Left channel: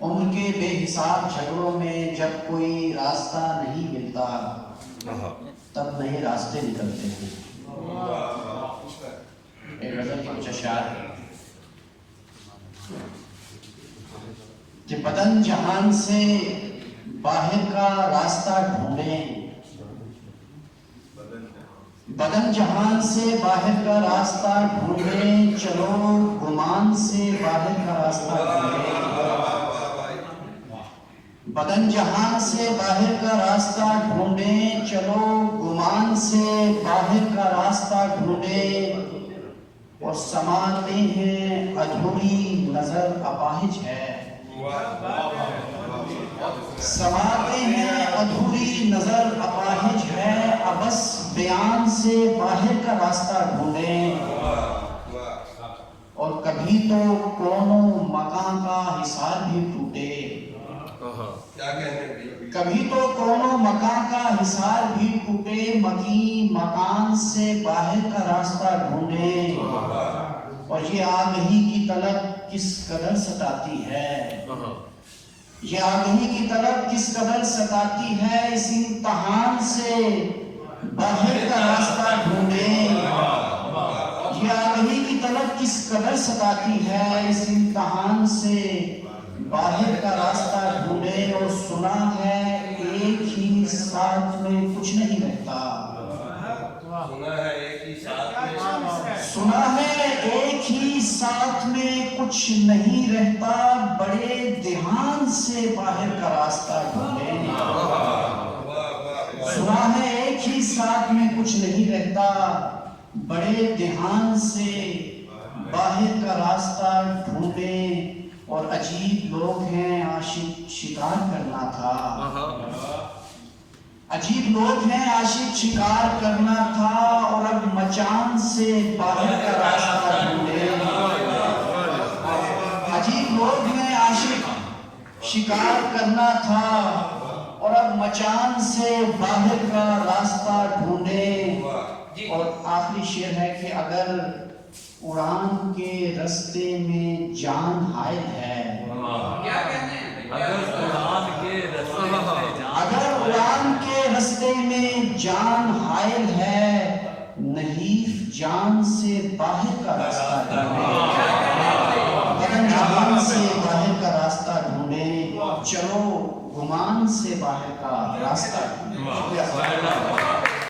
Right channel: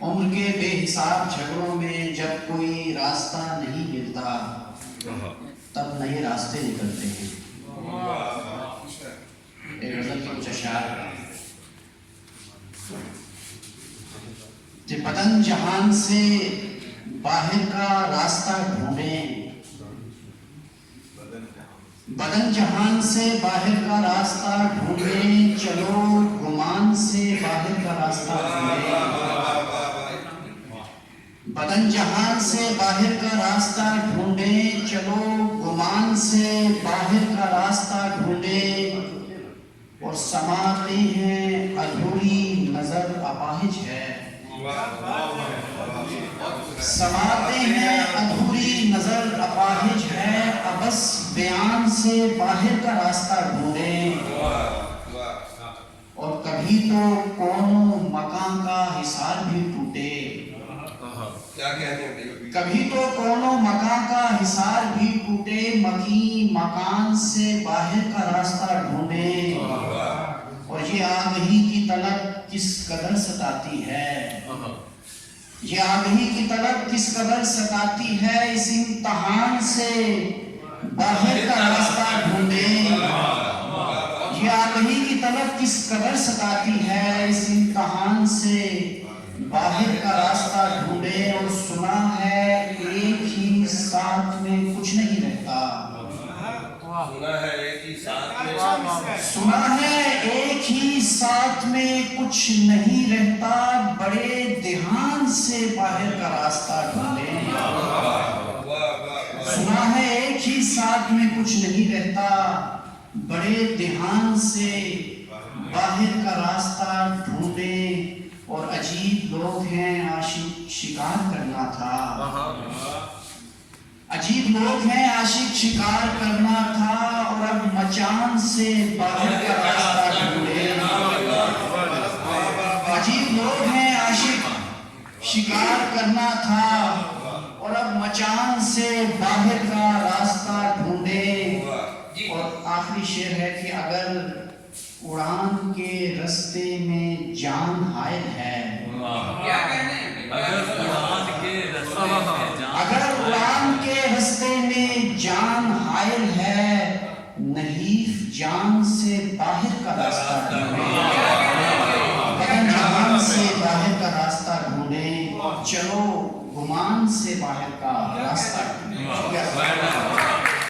عمر کے بے حساب جھگڑوں میں جب کوئی راستہ نہیں ملتا تب نئے راستے نکلتے ہیں۔ ایک غزل کے کچھ اشعار کہ بدن جہان سے باہر کا راستہ ڈھونڈیں، بدن جہان سے باہر کا راستہ ڈھونڈیں، چلو گمان سے باہر کا راستہ ڈھونڈیں، بدن جہان سے باہر کا راستہ ڈھونڈیں، چلو گمان سے باہر کا راستہ ڈھونڈیں، اور سماتے ہیں ادھوری نظر اپاہج ہے، سماتے ہیں ادھوری نظر اپاہج ہے، ابس بیان سے باہر کا راستہ ڈھونڈیں، اور کبھی تو کون و مکان کا حصار بھی ٹوٹے، کبھی تو کون و مکان کا حصار بھی ٹوٹے، مکی مکان سے باہر کا راستہ ڈھونڈے، اور یہ آگہی کی طلب کس قدر ستاتی ہے، یہ آگہی کی طلب کس قدر ستاتی ہے، اس امتحان سے باہر کا راستہ ڈھونڈیں، یہ آگہی کی طلب کس قدر ستاتی ہے، اس امتحان سے باہر کا راستہ ڈھونڈیں، اور سنا ہے ایک ہی ساتھ میں کچھ نہیں رہتا، سنا ہے ایک ہی ساتھ میں کچھ نہیں رہتا، بڑے دھیان سے باہر کا راستہ ڈھونڈیں، سنا ہے ایک ہی ساتھ میں کچھ نہیں رہتا، بڑے دھیان سے باہر کا راستہ ڈھونڈیں، اور عجیب لوگ ہیں عاشق شکار کرنا تھا، عجیب لوگ ہیں عاشق شکار کرنا تھا، اور اب مچان سے باہر کا راستہ ڈھونڈیں، عجیب لوگ ہیں عاشق شکار کرنا تھا، اور اب مچان سے باہر کا راستہ ڈھونڈیں، اور آخری شعر ہے کہ اگر اڑان کے رستے میں جان حائل ہے، اگر اڑان کے رستے میں جان حائل ہے، نحیف جان سے باہر کا راستہ ڈھونڈیں، بدن جہان سے باہر کا راستہ ڈھونڈیں، چلو گمان سے باہر کا راستہ ڈھونڈیں۔